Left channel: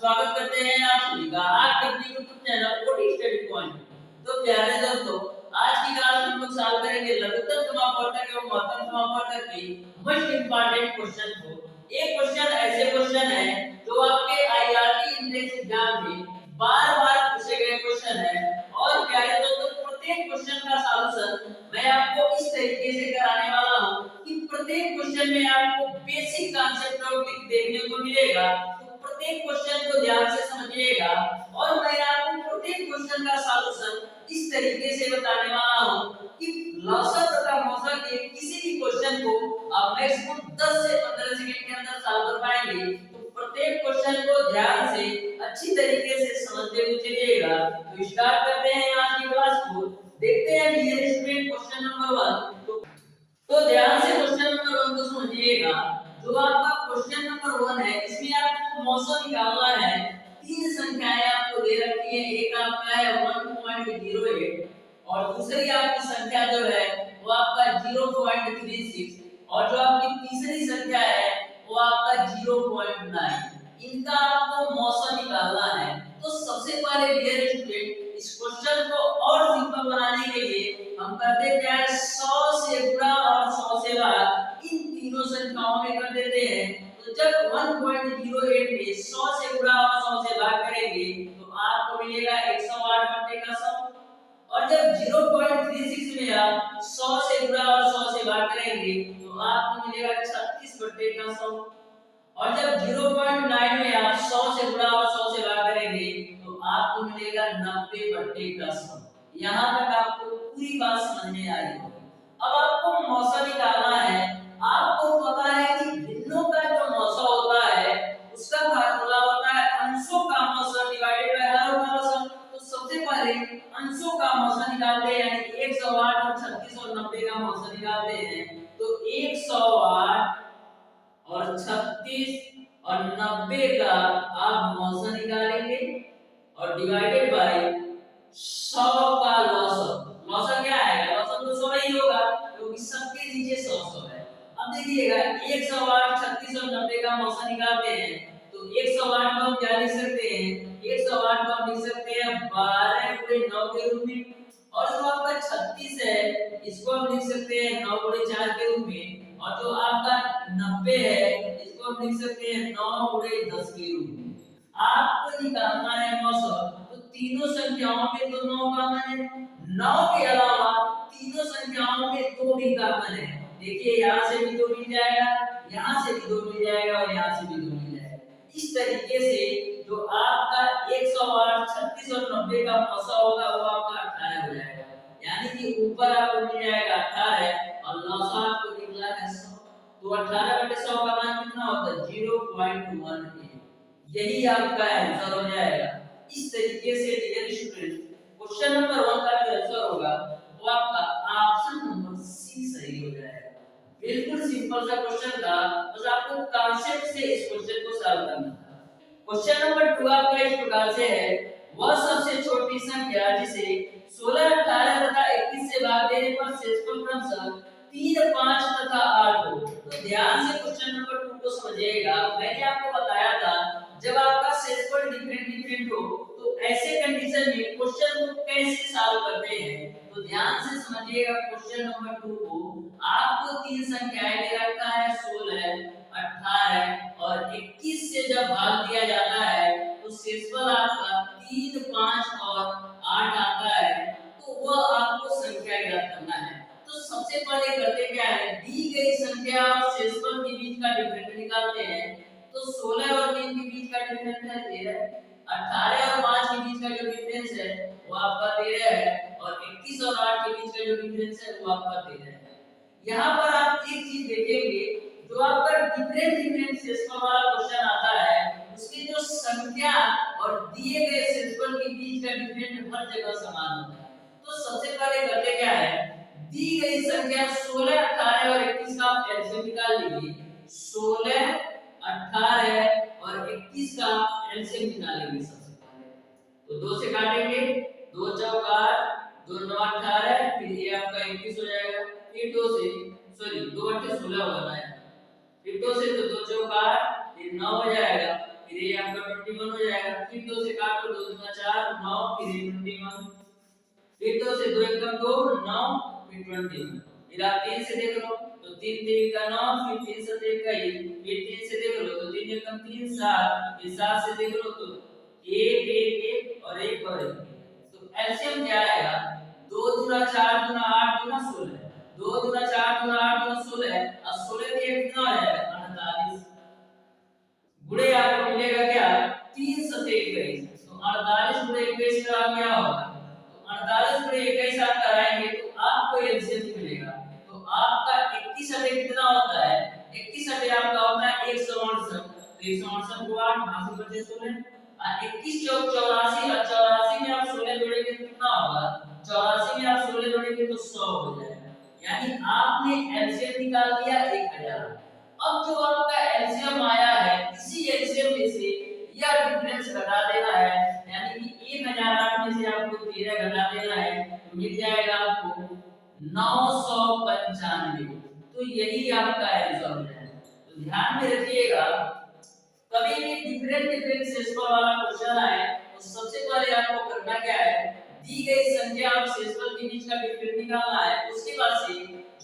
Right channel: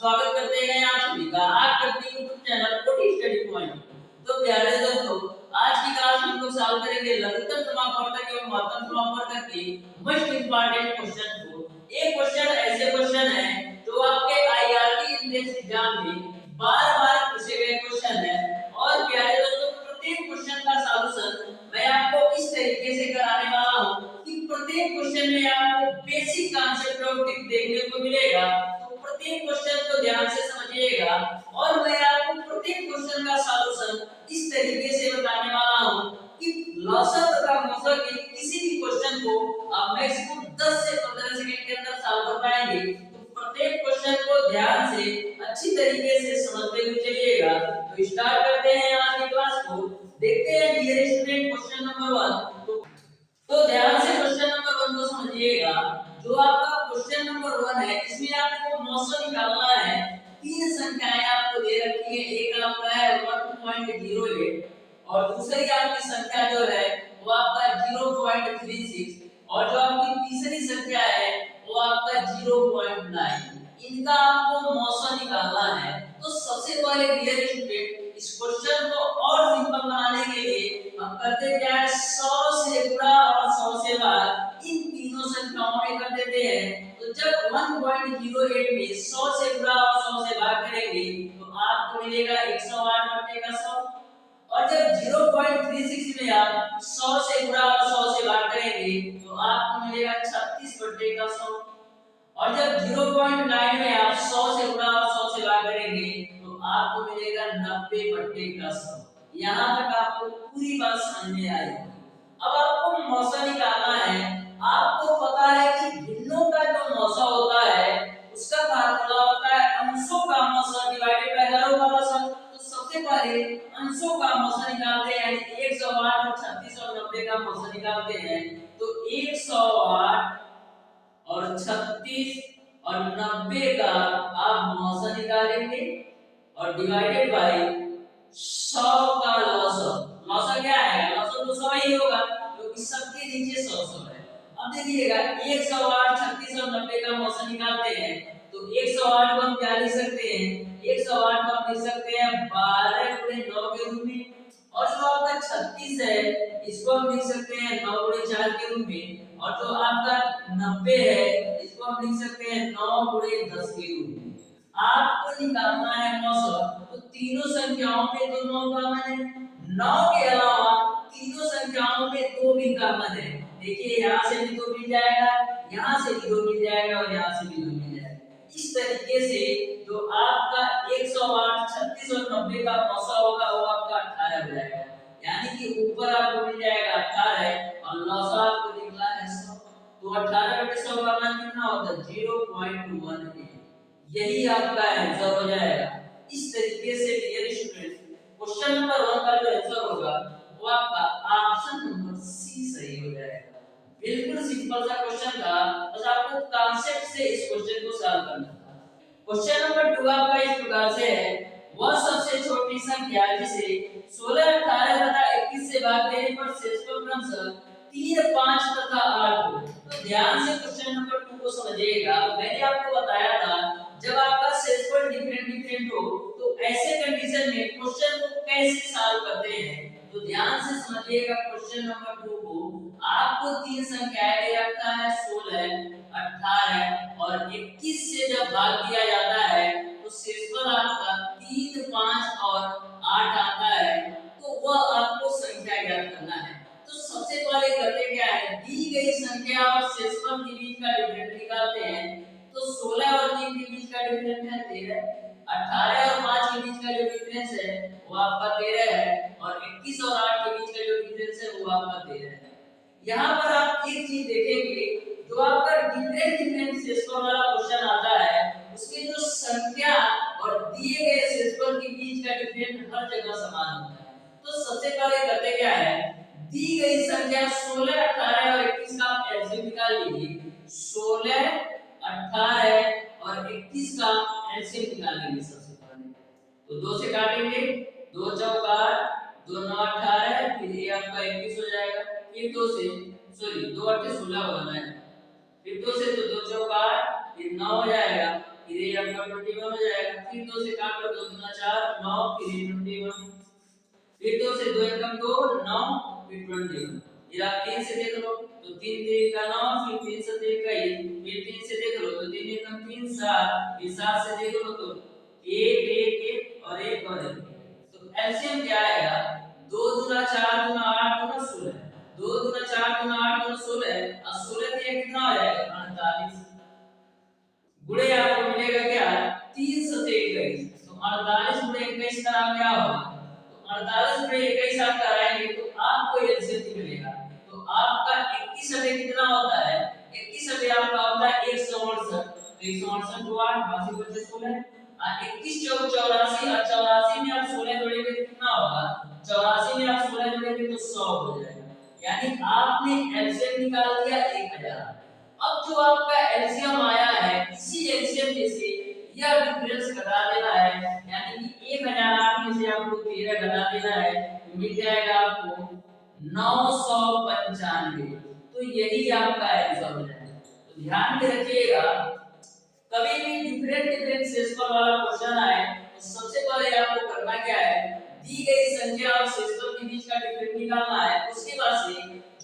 स्वागत करते हैं आप सभी का आज के अपने YouTube channel OT study point. तो प्यारे दोस्तों, आज की क्लास में हम लोग सॉल्व करेंगे लघुत्तम समापवर्तक एवं महत्तम समापवर्तक की मोस्ट इंपॉर्टेंट क्वेश्चन को। एक क्वेश्चन ऐसे क्वेश्चन है जो आपके आईआरटी इंडेक्स एग्जाम में बार-बार पूछे गए क्वेश्चन है। और प्यारे दोस्तों, प्रत्येक क्वेश्चन का सॉल्यूशन मैं आपको इस तरीके से कराने वाला हूं कि प्रत्येक क्वेश्चन में आपको बेसिक कांसेप्ट और ट्रिक देखने को मिलेगा। प्रत्येक क्वेश्चन को ध्यान से समझिएगा और मैं आपको प्रत्येक क्वेश्चन का सॉल्यूशन इस तरीके से बताने वाला हूं कि लॉसर तथा मॉसर के किसी भी क्वेश्चन को आप मैक्सिमम 10 से 15 सेकंड के अंदर सॉल्व कर पाएंगे। तो प्रत्येक क्वेश्चन को ध्यान से अच्छी तरीके से समझते हुए चलिएगा। तो स्टार्ट करते हैं आज की क्लास को। देखते हैं डियर स्टूडेंट क्वेश्चन नंबर 1। तो ध्यान से क्वेश्चन नंबर 1 को समझिएगा। जो आपका क्वेश्चन नंबर 1 है, इसमें आपको मौसम निकालना है। तीन संख्याएं आपको दे रखी है। एक आपका है 1.08 और दूसरी आपकी संख्या जो है वो आपका 0.36 और जो आपकी तीसरी संख्या है वो आपका 0.9। इनका आपको मौसम निकालना है। तो सबसे पहले डियर स्टूडेंट, इस क्वेश्चन को और सिंपल बनाने के लिए हम करते क्या है, 100 से गुणा और 100 से भाग इन तीनों संख्याओं में कर देते हैं। तो जब 1.08 में 100 से गुणा और 100 से भाग करेंगे तो आपको मिलेगा 108 बटे का 100। और जब 0.36 में आप 100 से गुणा और 100 से भाग करेंगे तो आपको मिलेगा 36 बटे का 100। और जब 0.9 में आप 100 से गुणा और 100 से भाग करेंगे तो आपको मिलेगा 90 बटे का 100। यहाँ तक आपको पूरी बात समझ में आई होगी। अब आपको मौसा निकालना है। आपको पता है कि भिन्नों का जो मौसा होता है उसका फार्मूला होता है अंशों का मौसा डिवाइडेड बाय हरों का मौसा। तो सबसे पहले अंशों का मौसा निकालते हैं, यानी 108 और 36 और 90 का मौसा निकालते हैं। तो 108 और 36 और 90 का आप मौसा निकालेंगे और डिवाइडेड बाय 100 का लॉसर। लॉसर क्या आएगा? लॉसर तो 100 ही होगा क्योंकि सबके नीचे 100 है। अब देखिएगा 108 36 और 90 का मौसा निकालते हैं। तो 108 को हम क्या लिख सकते हैं? 108 को हम लिख सकते हैं 12 गुणे 9 के रूप में। और जो आपका 36 है इसको हम लिख सकते हैं 9 गुणे 4 के रूप में। और जो आपका 90 है इसको हम लिख सकते हैं 9 गुणे 10 के रूप में। आपको निकालना है मौसम। तो तीनों संख्याओं में तो 9 कॉमन है। 9 के अलावा तीनों संख्याओं में 2 भी कॉमन है। देखिए यहाँ से भी 2 मिल जाएगा, यहाँ से भी 2 मिल जाएगा और यहाँ से भी 2 मिल जाएगा। इस तरीके से जो आपका 108 36 और 90 का मौसा होगा वो आपका 18 हो जाएगा। यानी कि ऊपर आपको मिल जाएगा 18 और लौसा आपको निकला है 100। तो 18 बटे 100 का मान कितना होता है? 0.18। यही आपका आंसर हो जाएगा। इस तरीके से डियर स्टूडेंट क्वेश्चन नंबर 1 का जो आंसर होगा वो आपका ऑप्शन नंबर सी सही हो जाएगा। बिल्कुल सिंपल सा क्वेश्चन था, बस आपको कांसेप्ट से इस क्वेश्चन को सॉल्व करना था। क्वेश्चन नंबर 2 आपका इस प्रकार से है, वह सबसे छोटी संख्या जिसे 16 18 तथा 21 से भाग देने पर शेषफल क्रमशः 3 5 तथा 8 हो। तो ध्यान से क्वेश्चन नंबर 2 को समझिएगा। मैंने आपको बताया था जब आपका शेषफल डिफरेंट हो तो ऐसे कंडीशन में क्वेश्चन को कैसे सॉल्व करते हैं। तो ध्यान से समझिएगा क्वेश्चन नंबर 2 को। आपको तीन संख्याएं दे रखा है 16 18 और 21 से जब भाग दिया जाता है तो शेषफल आपका 3 5 और 8 आता है। तो वह आपको संख्या ज्ञात करना है। तो सबसे पहले करते क्या है, दी गई संख्या और शेषफल के बीच का डिफरेंस निकालते हैं। तो 16 और 3 के बीच का डिफरेंस है 13। 18 और 5 के बीच का जो डिफरेंस है वो आपका 13 है और 21 और 8 के बीच का जो डिफरेंस है वो आपका 13 है। यहाँ पर आप एक चीज देखेंगे, जो आपका डिफरेंट शेषफल वाला क्वेश्चन आता है उसकी जो संख्या और दिए गए शेषफल के बीच का डिफरेंस हर जगह समान होता है। तो सबसे पहले करते क्या है, दी गई संख्या 16 18 और 21 का एलसीएम निकाल लीजिए। 16 18 और 21 का एलसीएम निकालेंगे सबसे पहले। तो 2 से काटेंगे, 2 चौका 2 9 18, फिर ये आपका 21 हो जाएगा। फिर 2 से 2 8 16 होगा ना, फिर 2 से तो 2 चौका 8, फिर 9 हो जाएगा, फिर फिर ये आपका 21 हो जाएगा। फिर 2 से काटो, 2 दूना 4, 9, फिर 21, फिर 2 से 2 एकम 2, 9, फिर 21। फिर आप 3 से देख लो तो 3 3 का 9, फिर 3 7 का 1, फिर 3 से देख लो तो 3 एकम 3 7, फिर 7 से देख लो तो 1 1 1 और 1 और 1। तो एलसीएम क्या आएगा? 2 दूना 4 दूना 8 दूना 16, 2 दूना 4 दूना 8 दूना 16 और 16 से ये कितना हो जाएगा? 48। गुणे आपको मिलेगा क्या? 3 7 21। तो 48 गुणे 21 का क्या होगा? तो 48 गुणे 21 आप कराएंगे तो आपको एलसीएम मिलेगा। तो आपका 21 सटे कितना होता है? 21 सटे आपका होता है 168। तो 168 को 8 82 बचे 16 और 21 चौक 84 और 84 में आप 16 जोड़ेंगे तो कितना होगा? 84 में आप 16 जोड़ेंगे तो 100 हो जाएगा। यानी आपने एलसीएम निकाल दिया 1000। अब जो आपका एलसीएम आया है इसी एलसीएम में से यह डिफरेंस घटा देना है, यानी कि 1008 में से आपको 13 घटा देना है तो मिल जाएगा आपको 995। तो यही आपका आंसर हो जाएगा। तो ध्यान में रखिएगा कभी भी डिफरेंट शेषफल वाला क्वेश्चन आए तो सबसे पहले आपको करना क्या है? दी गई संख्या और शेषफल के बीच का डिफरेंस निकालना है। उसके बाद से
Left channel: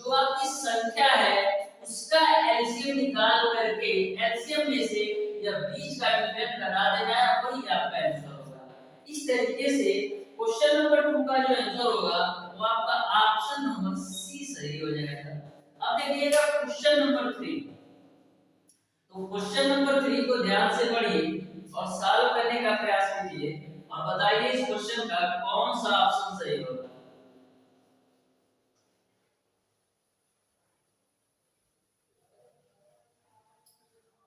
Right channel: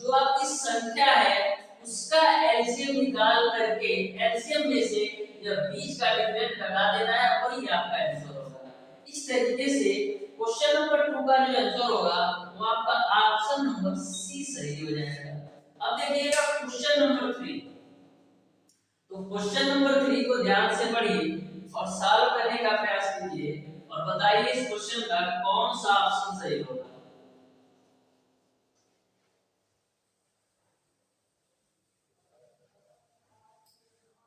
जो आपकी संख्या है उसका एलसीएम निकाल करके एलसीएम में से जब बीच का डिफरेंस घटा देना है वही आपका आंसर होगा। इस तरीके से क्वेश्चन नंबर 2 का जो आंसर होगा वो आपका ऑप्शन नंबर सी सही हो जाएगा। अब देखिएगा क्वेश्चन नंबर 3। तो क्वेश्चन नंबर 3 को ध्यान से पढ़िए और सॉल्व करने का प्रयास कीजिए और बताइए इस क्वेश्चन का कौन सा ऑप्शन सही होगा।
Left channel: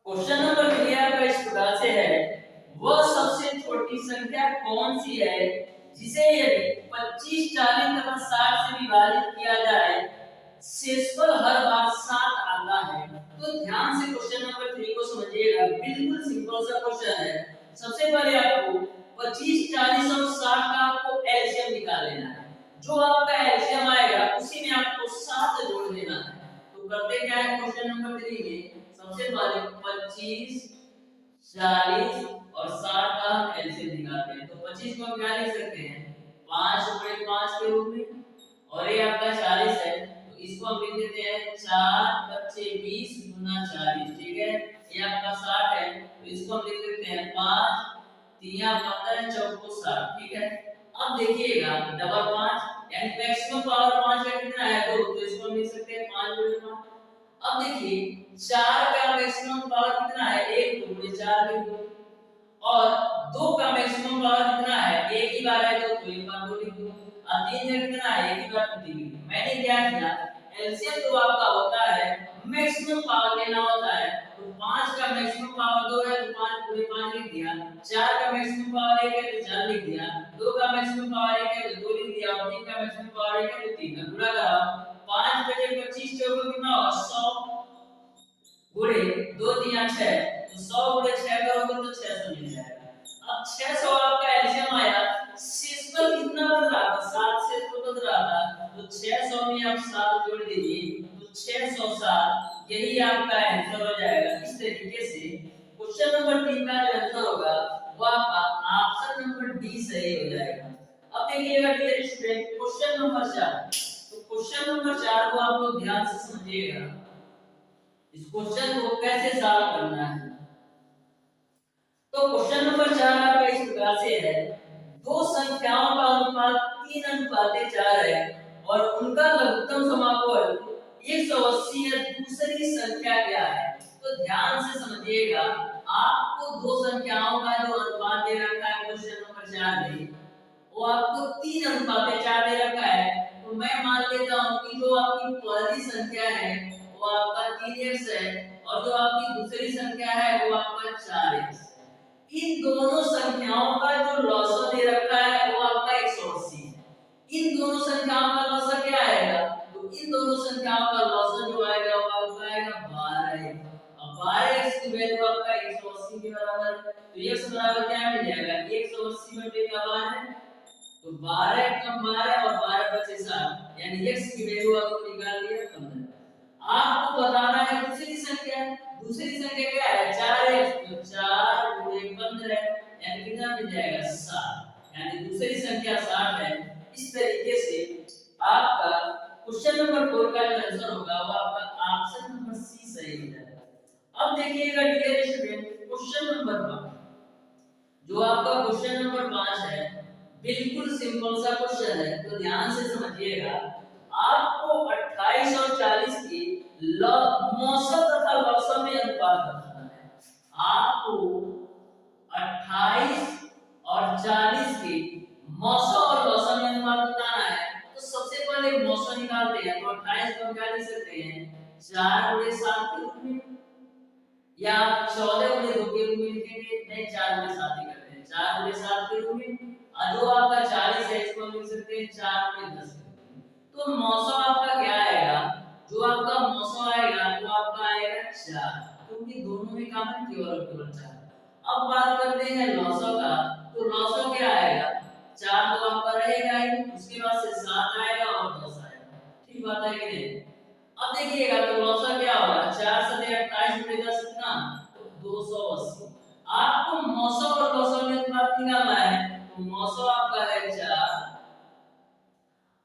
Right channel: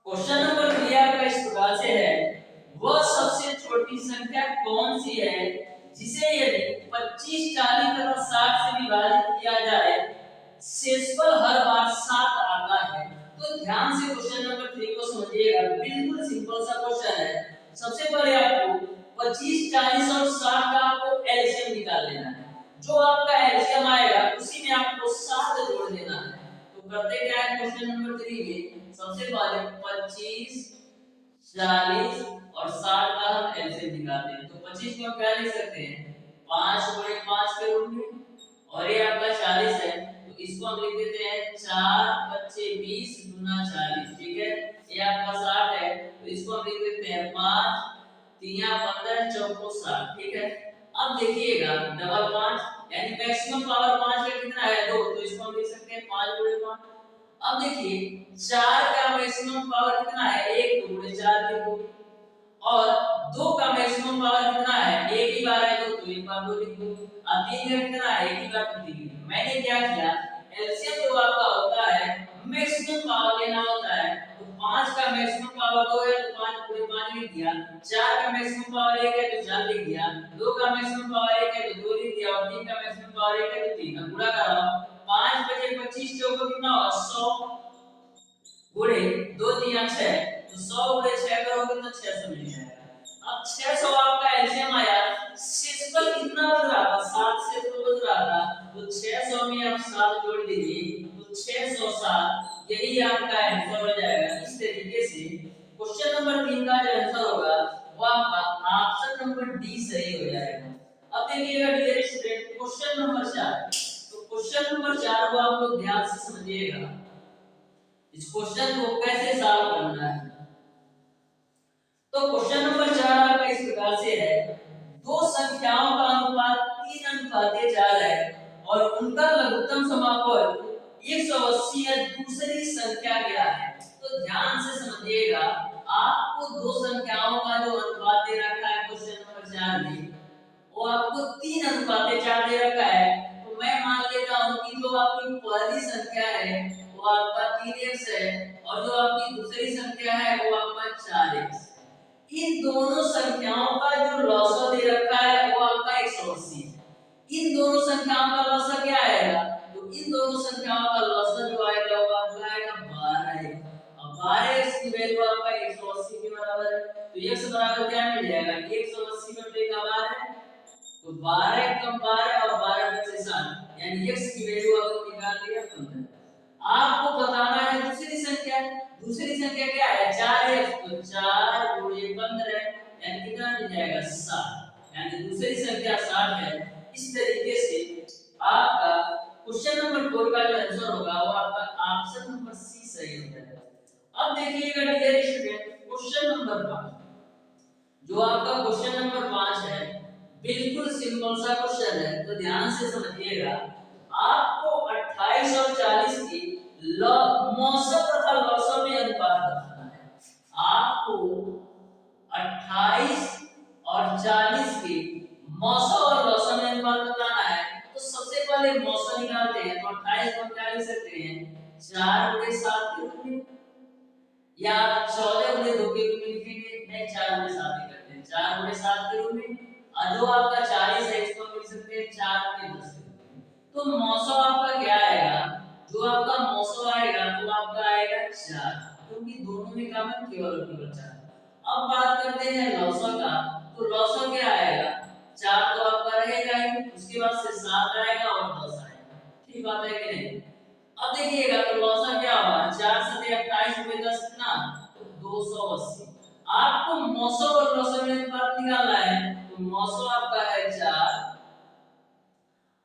क्वेश्चन नंबर 3 आपका इस प्रकार से है, वह सबसे छोटी संख्या कौन सी है जिसे यदि 25 40 तथा 60 से विभाजित किया जाए शेषफल हर बार 7 आता है। तो ध्यान से क्वेश्चन नंबर 3 को समझिएगा, बिल्कुल सिंपल सा क्वेश्चन है। सबसे पहले आपको 25 40 और 60 का आपको एलसीएम निकाल लेना है। जो आपका एलसीएम आएगा उसी में आपको 7 जोड़ देना है। तो करते क्या है क्वेश्चन नंबर 3 में, सबसे पहले 25 40 और 60 का हम एलसीएम निकालते हैं। तो 25 को हम क्या लिख सकते हैं? 5 गुणे 5 के रूप में, और ये आपका 40 है तो इसको हम लिख देते हैं 4 बच्चे 20 गुना 40। ठीक है, ये आपका 60 है तो इसको हम लिख देते हैं 5 3 15 चौको 60। ठीक है, अब देखिएगा डबल 5 यानी मैक्सिमम पावर 5 का कितना है? 2। तो इसको हम लिख सकते हैं 5 गुणे 5। अब देखिए 4 का मैक्सिमम पावर कितना है? 1 गुणे 4 के गुण, और 2 का मैक्सिमम पावर कितना है? 1 ही बार है 2 तो 1 बार 2 लिख दो, और 3 का कितना है? 1 ही बार 3 लिख दो। मैंने क्या किया, एलसीएम जो आपका होता है मैक्सिमम पावर लेना होता है। तो 5 का मैक्सिमम पावर 2 है तो 5 गुणे 5 लिख दिया, 4 का मैक्सिमम पावर 1 है तो 4 लिख दिया, 2 का मैक्सिमम पावर 1 है तो 2 लिख दिया, और 3 का मैक्सिमम पावर 1 है तो 3 का गुणा करा। 5 बटे 25 चौको कितना होगा? 100 गुणे 2 3 6, तो 100 गुणे 6 करोगे तो 600 मिल जाएगा। अब 600 आपका एलसीएम आया, शेषफल कितना बन रहा था? 7 से तो बन रहा था, तो 600 में आप 7 जोड़ दीजिए तो 607, यही आपका आंसर हो जाएगा। इस तरीके से क्वेश्चन नंबर 3 का जो आंसर होगा वो आपका ऑप्शन नंबर डी सही हो जाएगा। अब देखिएगा डियर स्टूडेंट क्वेश्चन नंबर 4। तो क्वेश्चन नंबर 4 को आप लोग ध्यान से समझिएगा, इस क्वेश्चन को कैसे सॉल्व करना है। तो क्वेश्चन नंबर 4 आपका इस प्रकार से है, दो संख्याओं का अनुपात 3:4 है और उनका लघुत्तम समापन 180 है। दूसरी संख्या क्या है? तो ध्यान से समझिएगा, आपको दो संख्याओं का जो अनुपात दे रखा है क्वेश्चन नंबर 4 में, वो आपको 3:4 दे रखा है। तो मैं मान लेता हूं कि जो आपकी पहली संख्या है वो आपका 3x है और जो आपकी दूसरी संख्या है वो आपका 4x। इन दोनों संख्याओं का जो लॉसा दे रखा है वो आपका 180 है। इन दोनों संख्याओं का लॉसा क्या आएगा? तो इन दोनों संख्याओं का लॉसा जो आएगा वो आपका आएगा 12। अब 12x की वैल्यू आपका 180 के बराबर है, तो x बराबर क्या मिल जाएगा? 180 बटे का 12, तो 12 कम 12 और 12 बचे 7, यानी x की वैल्यू आपको निकाल लिया 15। आपको बताना है दूसरी संख्या। दूसरी संख्या क्या है? 4x, तो 4 गुणे यानी दूसरी संख्या 60 है। इस तरीके से आपका क्वेश्चन नंबर 4 का जो आंसर होगा वो आपका ऑप्शन नंबर सी सही हो जाएगा। अब देखिएगा डियर स्टूडेंट, क्वेश्चन नंबर 5, जो आपका क्वेश्चन नंबर 5 है, बिल्कुल सिंपल सा क्वेश्चन है, तो ध्यान से समझिएगा। आपको 28 और 40 की मौसम तथा लौसम में अनुपात बताना है। आपको 28 और 40 की मौसम और लौसम में अनुपात बताना है। तो सबसे पहले मौसम निकालते हैं। तो 28 को हम क्या लिख सकते हैं, 4/7 के रूप में, या 14/2 के रूप में लिखेंगे। नहीं, 4/7 ही करते हैं, 4/7 के रूप में। और जो आपका 40 है इसको हम लिख सकते हैं 4/10 के रूप में। तो मौसम आपका क्या आएगा, जो आपका मौसम आएगा वो आपका आएगा 4, क्योंकि दोनों में कॉमन केवल 4। अब बात करते हैं लौसम का। तो लौसम क्या आएगा, 4 तो आपका रहेगा ही, उसके बाद से 7 आएगा और 10 आएगा। ठीक बात है कि नहीं। अब देखिएगा तो लौसम क्या होगा, 4 से 28 में 10 कितना, तो 280। आपको मौसम और लौसम में अनुपात निकालना है। तो मौसम आपका है 4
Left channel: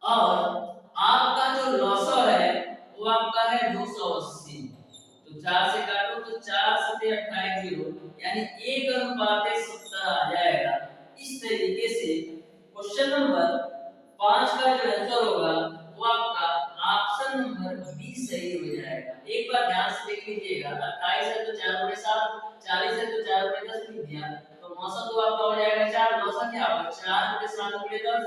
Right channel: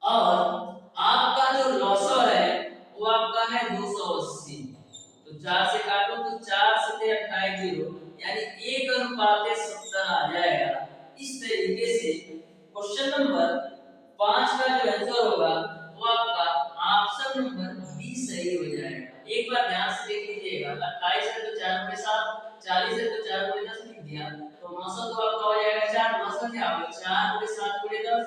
और आपका जो लौसम है वो आपका है 280। तो 4 से काटो तो 4 से 28 0, यानी 1:70 आ जाएगा। इस तरीके से क्वेश्चन नंबर 5 का जो आंसर होगा वो आपका ऑप्शन नंबर बी सही हो जाएगा। एक बार ध्यान से देख लीजिएगा, 28 है तो 4/7, 40 है तो 4/10 लिख दिया। तो मौसम तो आपका हो जाएगा 4, मौसम क्या होगा 4/7/10,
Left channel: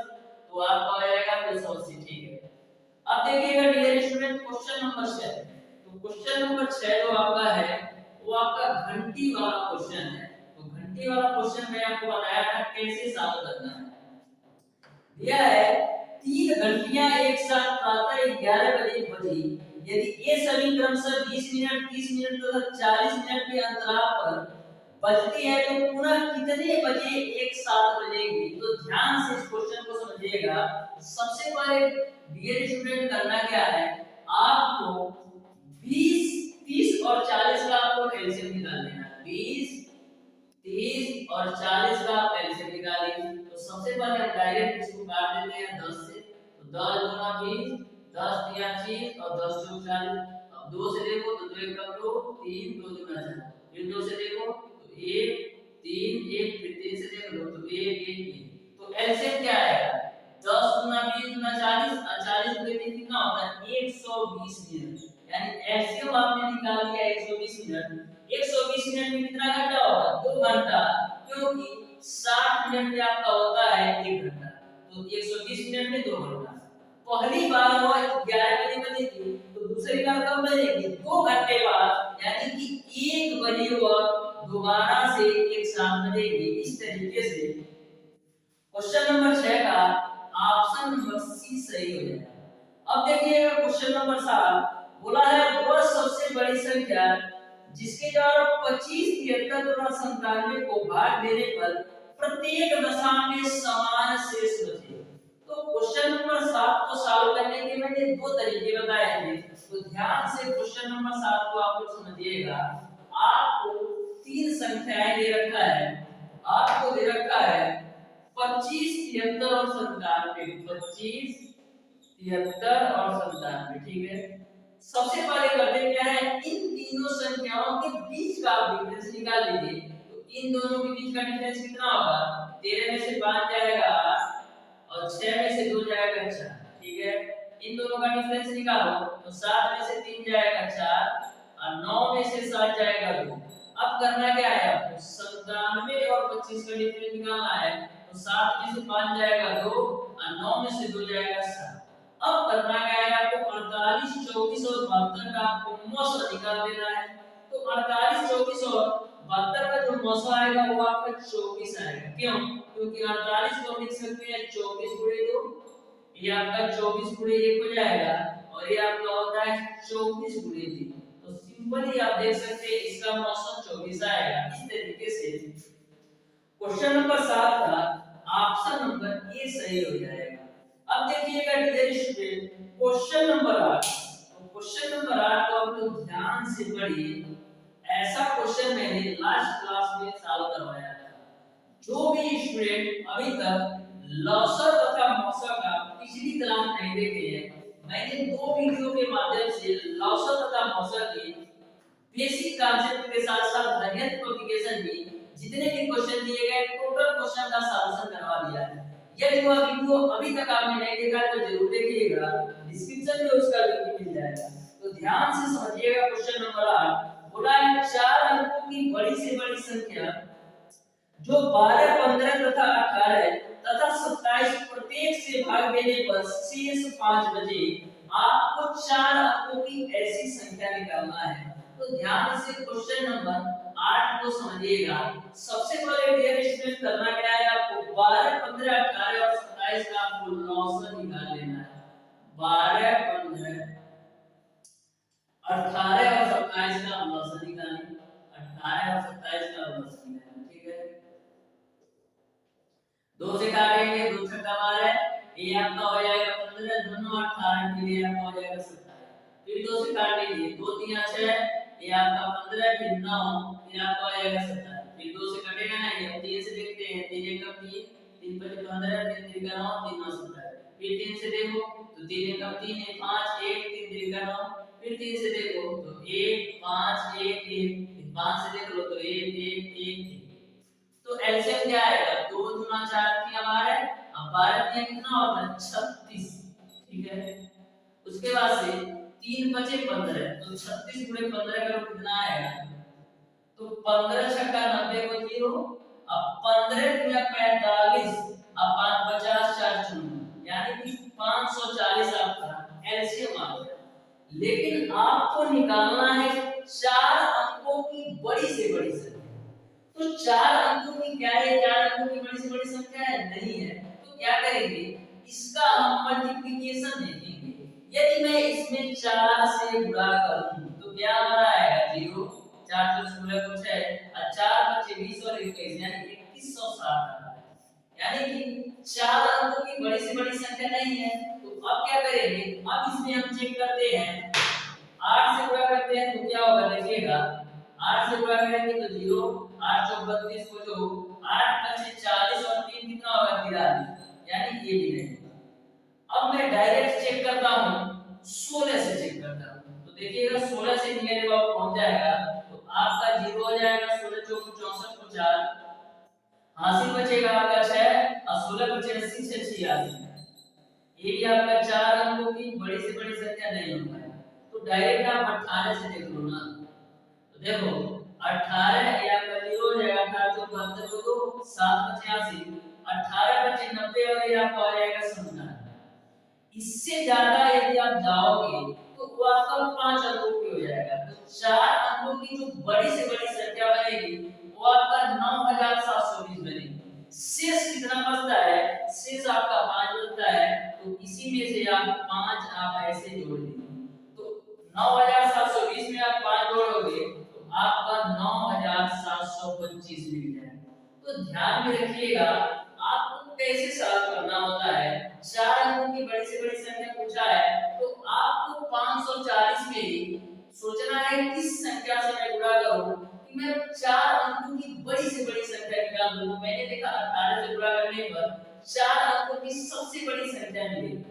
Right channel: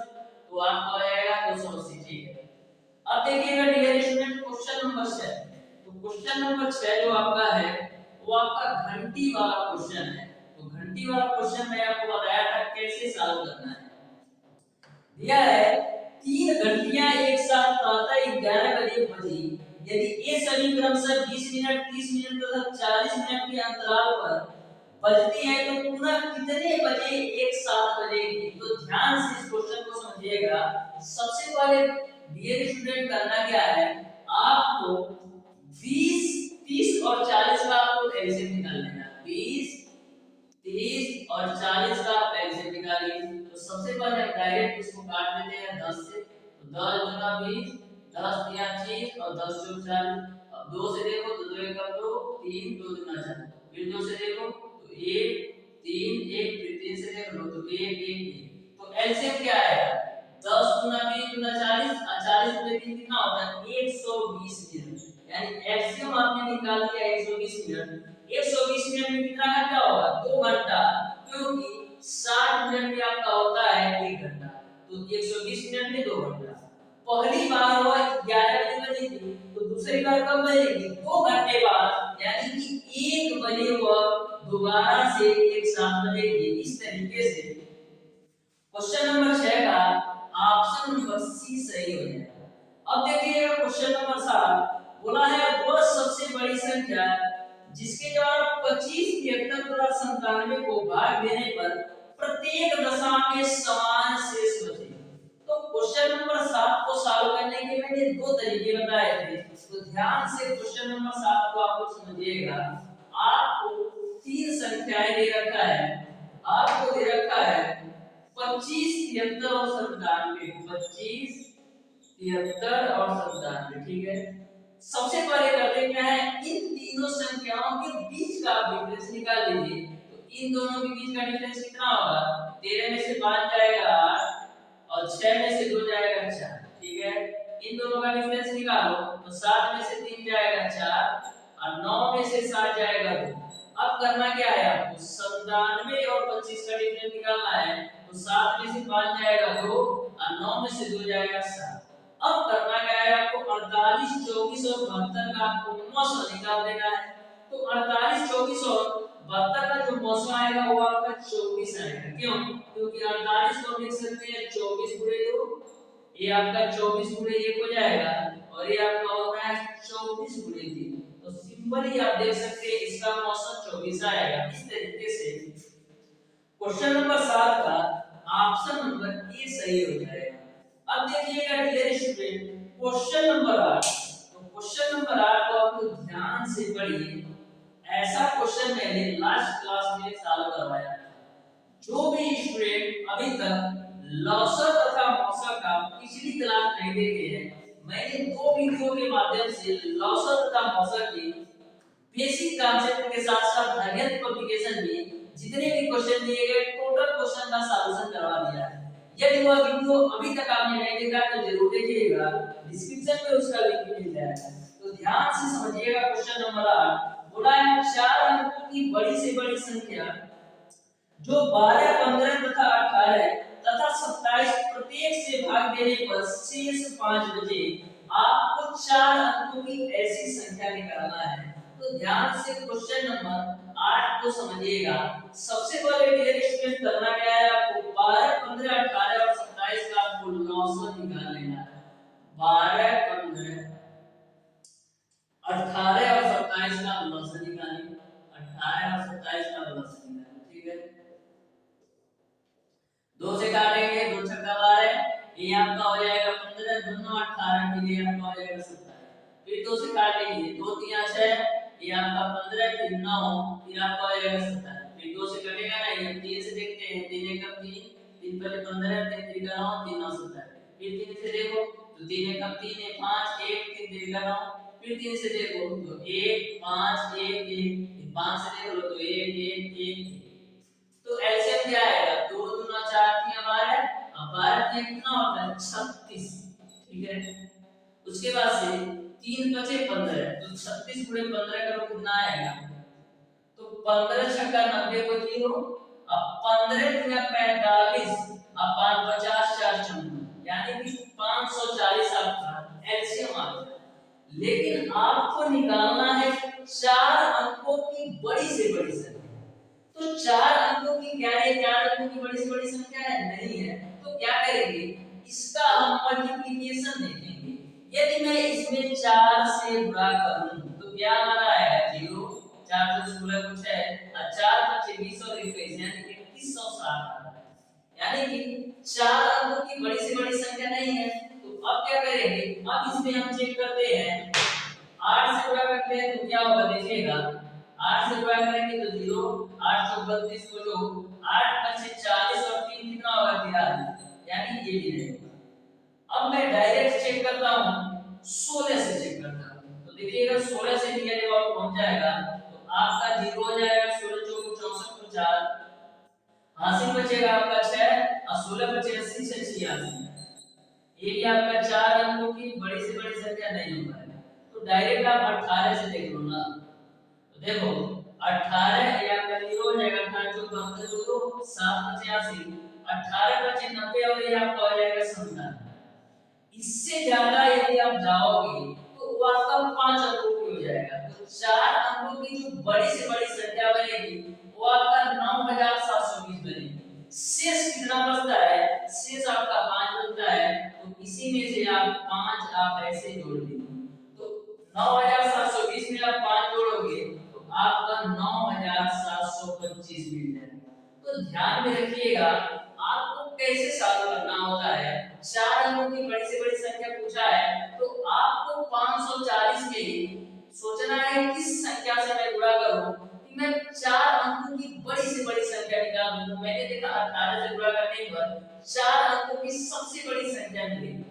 तो आपका हो जाएगा 280। ठीक है। अब देखिएगा डियर स्टूडेंट, क्वेश्चन नंबर 6। तो क्वेश्चन नंबर 6 जो आपका है वो आपका घंटी वाला क्वेश्चन है। तो घंटी वाला क्वेश्चन मैं आपको बताया था कैसे सॉल्व करना है। दिया है 3 घंटियां एक साथ प्रातः 11 बजे बजी, यदि ये सभी क्रमशः 20 मिनट, 30 मिनट तथा 40 मिनट के अंतराल पर बजती है तो पुनः कितने बजे एक साथ बजेगी। तो ध्यान से इस क्वेश्चन को समझिएगा। सबसे पहले डियर स्टूडेंट करना क्या है, आपको 20, 30 और 40 का आपको एलसीएम निकाल लेना है। 20, 30 और 40 का आप एलसीएम निकालिए। तो सबसे पहले हम डायरेक्ट इसको काट देते हैं 10 से। तो 10 दूना 20, 10 तिया 30 और 10 चौक 40। अब 2 से देखो तो 2 1 2, 3 2 दूना 4, फिर 2 से देखो तो 1 3 1, फिर 3 से देख लो तो 1 1 1। तो एलसीएम क्या आएगा, 10 दूना 20 दूना 40 और 40 दूना 3 कितना होता है 120 मिनट। यानी एलसीएम आपने निकाल दिया 120 मिनट। 120 मिनट में कितना घंटा होगा, 2 घंटा, क्योंकि 60 मिनट में आपका होता है 1 घंटा। तो 120 मिनट में 2 घंटा। पहली बार वो 11 बजे बजेगी, तो दूसरी बार कब बजेगी, 2 घंटे बाद, यानी कि 1 बजे वो दोबारा से एक साथ बजेगी। इस तरीके से क्वेश्चन नंबर 6 का ऑप्शन नंबर सी सही हो जाएगा। अब देखिएगा क्वेश्चन नंबर 7, बोला है वह सबसे बड़ी संख्या जिसके द्वारा 25, 73 तथा 97 को भाग देने पर प्रत्येक दशा में समान शेष बचे। तो क्वेश्चन नंबर 7 को सॉल्व करने के मैंने 2 तरीके बताए थे। तो ध्यान से क्वेश्चन नंबर 7 को आप लोग समझिएगा। आपको 3 संख्याएं दे रखा है, आपको दे रखा है 25, 73 और 97। 25, 73 और 97। ठीक है। सबसे पहले करते क्या है, इन तीनों संख्याओं के बीच का आप डिफरेंस निकाल लीजिए। तो इन दोनों के बीच का डिफरेंस कितना होगा, 13 में से 5 जाएगा 8 और 6 में से 2 जाएगा 4। ठीक है। इन दोनों का डिफरेंस निकालो तो 7 में से 3 जाएगा 4 और 9 में से 7 जाएगा 2। अब करना क्या है आपको, 97 और 25 का डिफरेंस निकालना है। तो 7 में से 5 जाएगा 2 और 9 में से 2 जाएगा 7। अब करना क्या है आपको, 48, 24 और 72 का आपको मौसा निकाल देना है। तो 48, 24 और 72 का जो मौसा आएगा वो आपका 24 आएगा। क्यों, क्योंकि 48 को लिख सकते हैं 24 गुणे 2, ये आपका 24 गुणे 1 हो जाएगा और ये आपका होता है 24 गुणे 3। तो सिंपली आप देख सकते हैं इसका मौसा 24 आएगा। इस तरीके से क्वेश्चन नंबर 7 का ऑप्शन नंबर ए सही हो जाएगा। अब देखिएगा डियर स्टूडेंट, क्वेश्चन नंबर 8। तो क्वेश्चन नंबर 8 को आप लोग ध्यान से पढ़िए। ऐसा क्वेश्चन मैंने लास्ट क्लास में सॉल्व करवाया था। जो भी स्टूडेंट अभी तक लॉसर तथा मॉसर का पिछली क्लास नहीं देखे हैं, मैंने दो वीडियो के माध्यम से लॉसर तथा मॉसर के बेसिक कॉन्सेप्ट के साथ साथ हरियत पब्लिकेशन में जितने भी क्वेश्चन दिए गए टोटल क्वेश्चन का सॉल्यूशन करवा दिया है। यदि वह वीडियो अभी तक आपने नहीं देखा तो जरूर देखिएगा, डिस्क्रिप्शन में उसका लिंक मिल जाएगा। तो ध्यान से समझिएगा। क्वेश्चन नंबर 8 बोला है 4 अंकों की बड़ी से बड़ी संख्या जो 12, 15 तथा 18 तथा 27 प्रत्येक से भाग देने पर शेष 5 बचे। आपको 4 अंकों की ऐसी संख्या निकालना है। तो ध्यान से क्वेश्चन नंबर 8 को समझिएगा। सबसे पहले डियर स्टूडेंट करना क्या है, आपको 12, 15, 18 और 27 का आपको लॉसर निकाल लेना है। 12, 15, 18 और 27 का लॉसर निकालिए। 18 और 27 का लॉसर निकालिए, ठीक है। 2 से काटेंगे, 2 छक्का 12, ये आपका हो जाएगा 15, दोनों 18 के लिए आपका हो जाएगा 27। फिर 2 से काट लीजिए, 2 3 6, ये आपका 15, फिर 9, फिर आपका हो जाएगा 27। फिर 2 से कटेगा नहीं, अब 3 से देखते हैं। 3 1 3, 3 पहले 15, 3 3 9, 3 9 27। फिर 3 से देखो तो 3 1 3 है 5, 1 3 3 9। फिर 3 से देखो तो 1 5 1 1, 5 से देख लो तो 1 1 1। तो एलसीएम क्या आएगा, 2 दूना 4 3 हमारे, अब 12 3 कितना होता है 36, ठीक है। उसके बाद से 3 बचे 15, तो 36 गुणे 15 करो कितना आएगा, तो 15 छक्का 90 को 0, अब 15 गुणे 45, अब 50 4 54, यानी कि 540 आपका एलसीएम आ गया। लेकिन आपको निकालना है 4 अंकों की बड़ी से बड़ी संख्या। तो 4 अंकों की क्या है, 4 अंकों की बड़ी से बड़ी संख्या है नहीं है, तो क्या करेंगे, इसका हम मल्टीप्लिकेशन देखेंगे। यदि मैं इसमें 4 से गुणा करूं तो क्या हमारा आएगा 0, 4 से 16 कुछ है, और 4 बचे 20 और 21 यानी 2160। यानी कि 4 अंकों की बड़ी से बड़ी संख्या नहीं है। तो अब क्या करेंगे, अब इसमें हम चेक करते हैं, 8 से गुणा करते हैं तो क्या होगा देखिएगा, 8 से गुणा करेंगे तो 0, 8 चौक 32 को जो 8 पचे 40 और 3 कितना होगा 43, यानी ये भी नहीं होगा। अब मैं डायरेक्ट चेक करता हूं, 16 से चेक करता हूं तो देखिएगा 16 से निकले जब पहुंच जाएगा तो आपका 0 हो जाएगा, 16 चौक 64 को 4, हासिल बचेगा आपका 6 और 16 बचे 80 से 86। ये भी आपका 4 अंकों की बड़ी से बड़ी संख्या नहीं हो पाएगा। तो डायरेक्ट आप 18 से देख लो ना, तो देखो 18 या आपका 0 हो जाएगा, 18 चौक 72 को 2, 7 85, 18 बचे 90 और ये आपका हो जाएगा 97। इससे ज्यादा यदि आप जाओगे तो वो आपका 5 अंकों की हो जाएगा। तो 4 अंकों की जो बड़ी से बड़ी संख्या बनेगी वो आपका 9720 बनेगी। शेष कितना बचता है, शेष आपका 5 बचता है, तो इसी में से आप 5 आप ऐसे जोड़ दीजिए। तो 9720 में आप 5 जोड़ोगे तो आपका 9725 मिल जाएगा। तो ध्यान में रखिएगा, आपको कैसे सॉल्व करना होता है। 4 अंकों की बड़ी से बड़ी संख्या पूछा है तो आपको 540 में ही सोचना है किस संख्या से मैं गुणा करूं कि मैं 4 अंकों की बड़ी से बड़ी संख्या निकाल दूं। मैंने देखा 18 से गुणा करने पर 4 अंकों की सबसे बड़ी संख्या मिलेगी।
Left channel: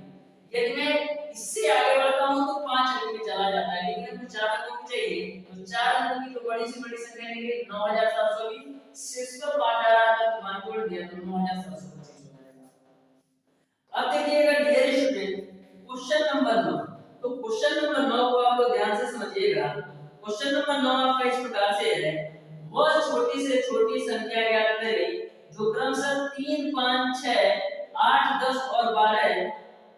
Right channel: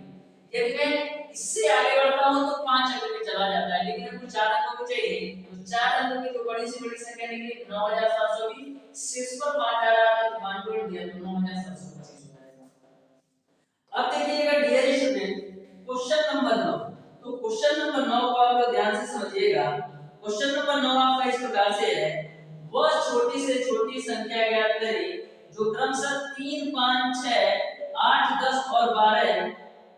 यदि मैं इससे आगे बढ़ता हूं तो 5 अंकों में चला जाता है, लेकिन हमको 4 अंकों की चाहिए। तो 4 अंकों की जो बड़ी से बड़ी संख्या निकली 9720, शेष पर 5 आ रहा था तो 5 जोड़ दिया तो 9725 हो जाएगा। अब देखिएगा डियर स्टूडेंट, क्वेश्चन नंबर 9। तो क्वेश्चन नंबर 9 को आप लोग ध्यान से समझिएगा। क्वेश्चन नंबर 9 आपका इस प्रकार से है, वह छोटी से छोटी संख्या ज्ञात करें जो क्रमशः 3 5 6 8 10 और 12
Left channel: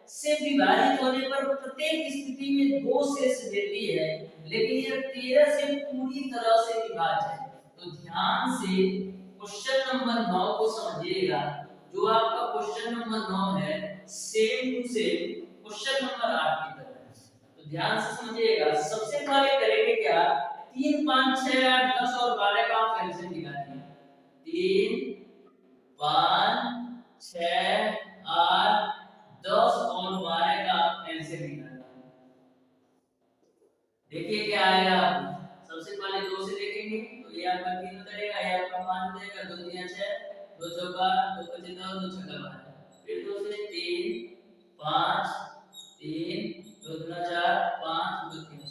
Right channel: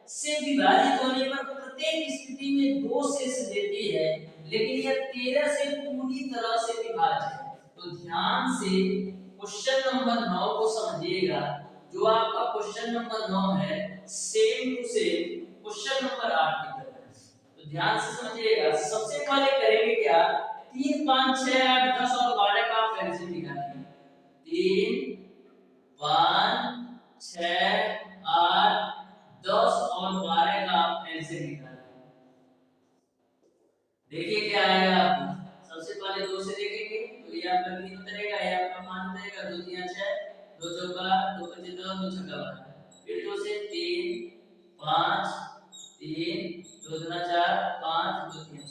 से विभाजित होने पर प्रत्येक स्थिति में 2 शेष देती है, लेकिन यह 13 से पूरी तरह से विभाज्य है। तो ध्यान से क्वेश्चन नंबर 9 को समझिएगा। जो आपका क्वेश्चन नंबर 9 है same to same question number 8 की तरह है। तो ध्यान से समझिएगा। सबसे पहले करेंगे क्या, 3 5 6 8 10 और 12 का आप एलसीएम निकालिए। 3 5 6 8 10 और 12 का आप एलसीएम निकालिए। देखिए क्या आएगा आपको। सबसे पहले 2 से देखेंगे तो ये आपका 3 उतरेगा, ये आपका 5 उतरेगा, 2 3 6, 2 चौका 2 पचे 10, 2 छक्का 12। फिर 2 से 3 5 3 2 दूना 4 5 2 3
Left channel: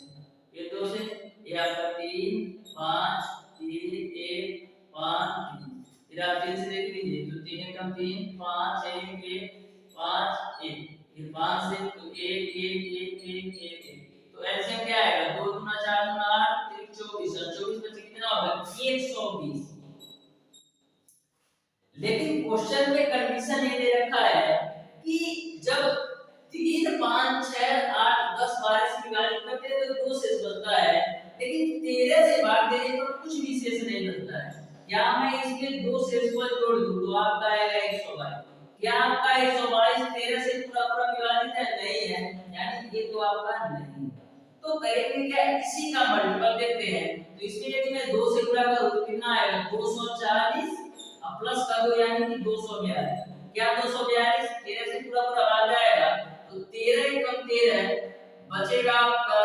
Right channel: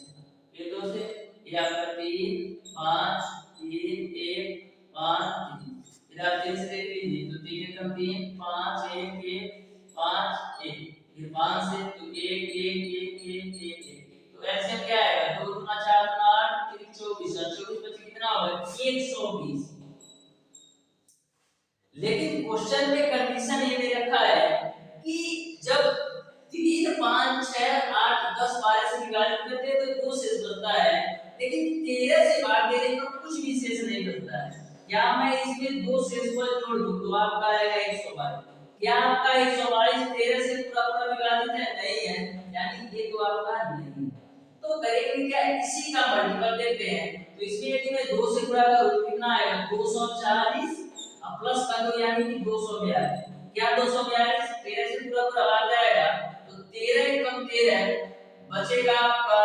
फिर 2 से ये आपका 3 5 3 1 5 3 फिर आप 3 से देख लीजिए तो 3 एकम 3 5 1 1 5 1 फिर 5 से तो 1 1 1 1 1 1 तो एलसीएम क्या आएगा 2 दूना 4 दूना 8 3 24 और 24 बचे कितना होगा 120। लेकिन क्वेश्चन में कंडीशन ये दे रखा है कि जब 3 5 6 8 10 12 से विभाजित करते हैं तो 2 शेष बचता है, लेकिन 13 से भाग देने पर कुछ भी शेष नहीं बचता है। क्या मैं इसमें 2 शेष को जोड़ दूं तो आपका आएगा 122। क्या आपका 122 13 से पूरा पूरा विभाजित है? नहीं है, यानी ये तो आपका नहीं है। तो करेंगे क्या, इसी का मल्टीपल लेते हैं। तो इसमें यदि मैं 2 से गुणा करूं तो कितना आएगा 240 अब प्लस कर दो यानी कि 242। क्या 242 13 से पूरा पूरा भाग जाएगा तो 13 कम 13 बचेगा आपका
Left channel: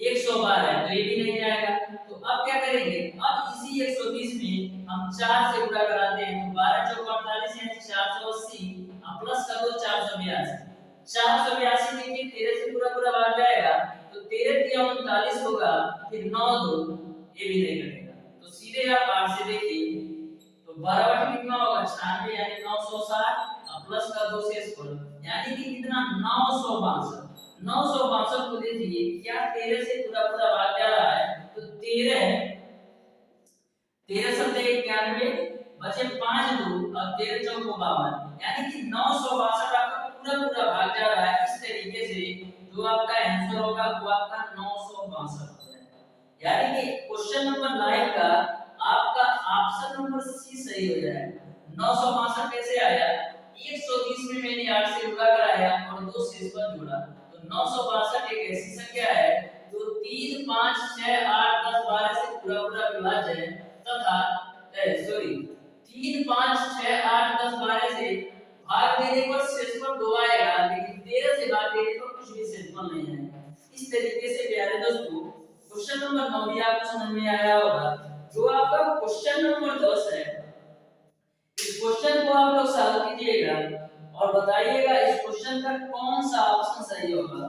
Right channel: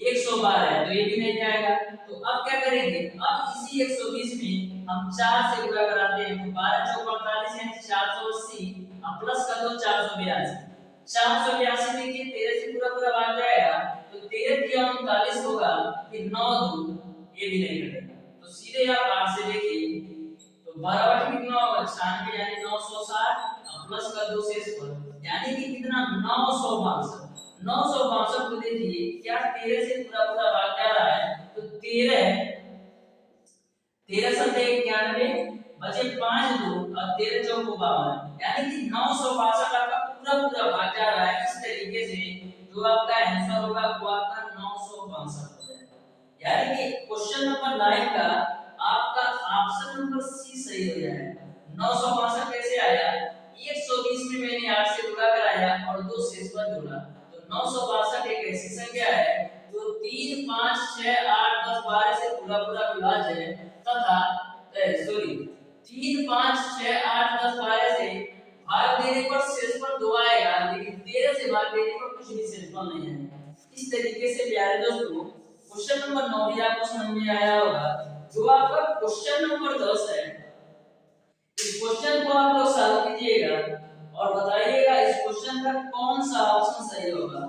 112 तो ये भी नहीं जाएगा। तो अब क्या करेंगे, अब इसी 120 में हम 4 से गुणा कराते हैं तो 12 चौक 48 यानी 480 अब प्लस कर दो 482। 482 देखिए 13 से पूरा पूरा भाग जाएगा तो 13 तिया 39 होगा, फिर 9 2 ये भी नहीं कटेगा। तो सीधे आप 8 से देखिए तो 12 8 कितना होगा 96 यानी 960 अब प्लस का 2 शेष पर यानी कि कितना 962। 962 को देखिए क्या 13 से पूरा पूरा भाग जा रहा है तो 13 13 सत्ते 91 बचे 5 2 और 13 चौक 52 यानी कि 962 आपका पूरा पूरा भाग जा रहा है। इस तरीके से जो आपका आंसर होगा वो आपका 962 हो जाएगा। यानी कि क्वेश्चन नंबर 9 का आपका ऑप्शन नंबर सी सही हो जाएगा। 962 कैसे आया, 120 में मैंने 8 से गुणा कराया और 2 शेष पर जोड़ा तो 962 एक ऐसी संख्या है जो 3 5 6 8 10 12 से पूरा पूरा विभाज्य है तथा 3 5 6 8 10 12 से भाग देने पर शेषफल 2 आएगा, लेकिन 13 से भाग देने पर कुछ भी शेषफल नहीं आएगा। इस तरीके से प्यारे दोस्तों क्वेश्चन नंबर 9 भी आपको समझ में आया होगा। जो आपका क्वेश्चन नंबर 10 है इस क्वेश्चन को आप लोग सॉल्व कीजिएगा और बताइएगा इस क्वेश्चन का कौन सा ऑप्शन सही होगा।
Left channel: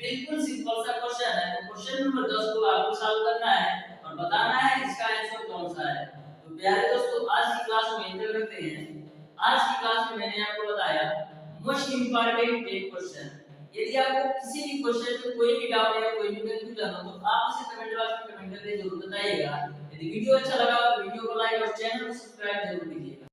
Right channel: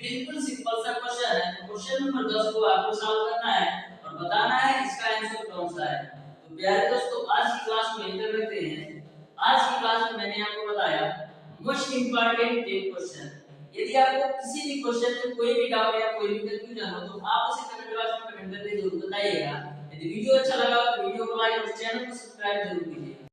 बिल्कुल सिंपल सा क्वेश्चन है। तो क्वेश्चन नंबर 10 को आपको सॉल्व करना है और बताना है इसका आंसर कौन सा है। तो प्यारे दोस्तों आज की क्लास में इंटर करते हैं। आज की क्लास में मैंने आपको बताया मोस्ट इंपॉर्टेंट 10 क्वेश्चन। यदि आपको किसी भी क्वेश्चन में कोई भी डाउट या कोई भी कंफ्यूजन हो तो आप उसे कमेंट बॉक्स में कमेंट करके जरूर बताइएगा। यदि वीडियो अच्छा लगा तो वीडियो को लाइक और चैनल को सब्सक्राइब जरूर कीजिएगा।